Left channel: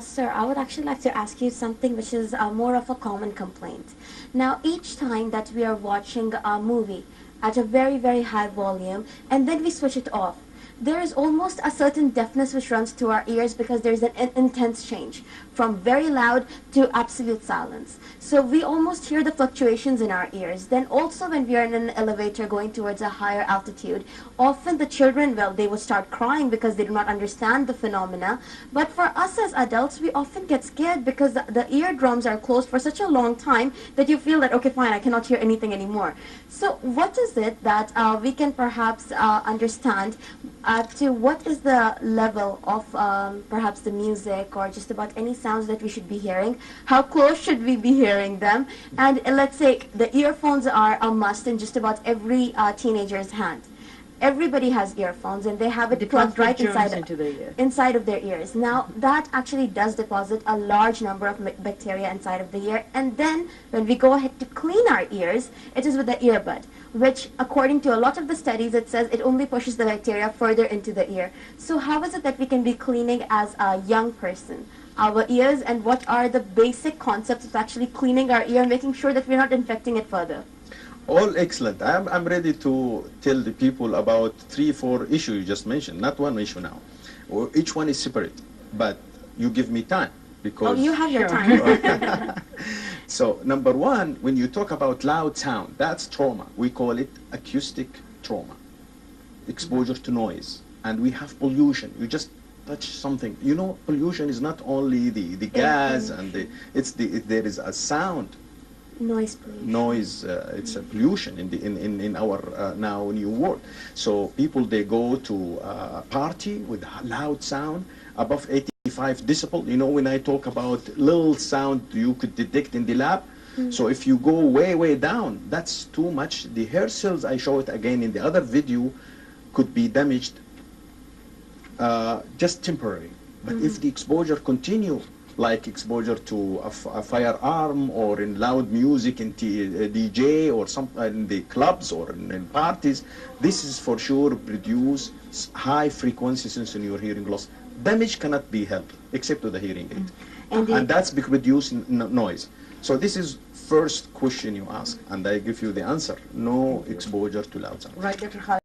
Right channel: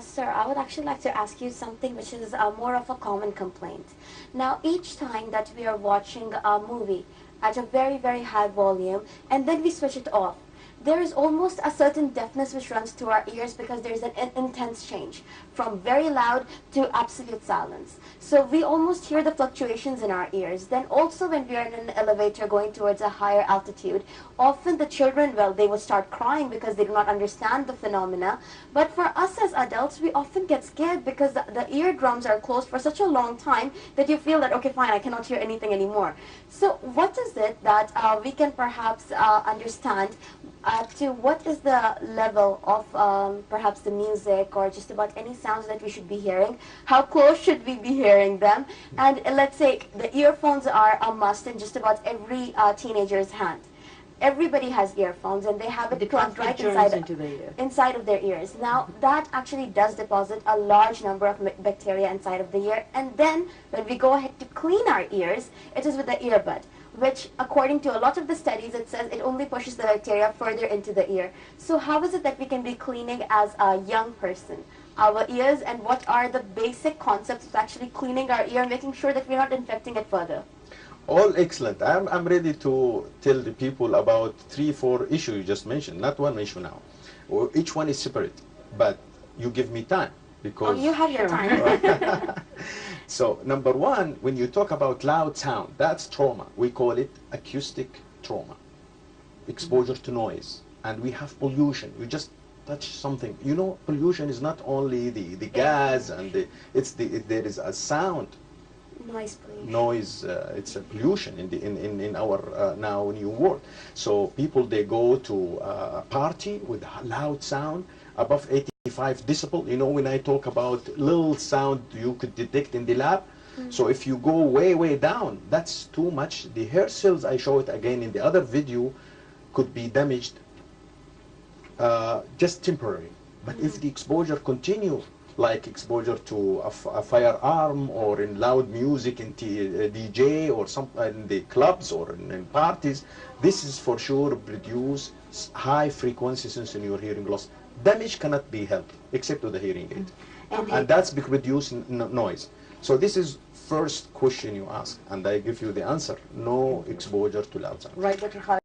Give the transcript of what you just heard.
Sir, I would actually like to ask you something which is more of a common complaint. Now, each time that we are watching a movie at a very, very high volume and then we switch it off, there is almost a certain deafness which runs to our ears because there is an intense change from very loud to absolute silence. So we almost hear the fluctuations in our ears. Then also when we are in an elevator going towards a higher altitude, often the children, well, they will start crying because they do not understand the phenomena. But for us as adults, we often get scared because the eardrums are closed for such a long time that you feel that, okay, fine, I cannot hear anything anymore. So what is it that we can perhaps understand to what is the level of perhaps the music or just about any sounds that we should be hearing? How close should we be hearing them? And let's say the earphones are a must in just about every teenager's hand. Everybody has earphones and they have it plugged right inside of their ears. Now that actually does deposit a large number of bacteria inside of the ear, and then when we go ahead to clean our ears, it is with the earbud, which according to a lot of the studies it says it only pushes the bacteria further into the ear. So how is it that we can be cleaning as a young person our ears, and what are the basic concepts of actually cleaning our ear, making sure that we're not infecting it further? All excellent. I'm ready to tell the people about 3-4 issues you just mentioned, not one issue now. Each one is separate, but you give me time because... Oh, you have your time. So, number one, when you talk about loud sound, that's trauma. We call it acoustic trauma, exposure to noise. And we have pollution. You just touch something. You know, pollution is not only the gas and there is a sound. Noise pollution. Noise, it's a pollution in our now new world. So people, they go to a party with loud sound above 85 decibel. You know, when I talk about little sound you could detect in the lab. So if you go way down, that's too much. The hair cells, I show it again in the other video, could be damaged just temporary. But if the exposure continue, like exposure to a firearm or in loud music in DJ or some in the clubs or in parties, this is for sure produce high frequency sensory hearing loss. Damage cannot be helped except with the hearing aid, and that's producing noise. So this is first question you ask, and I give you the answer: no exposure to loud sound. Right, Dr. KHALID.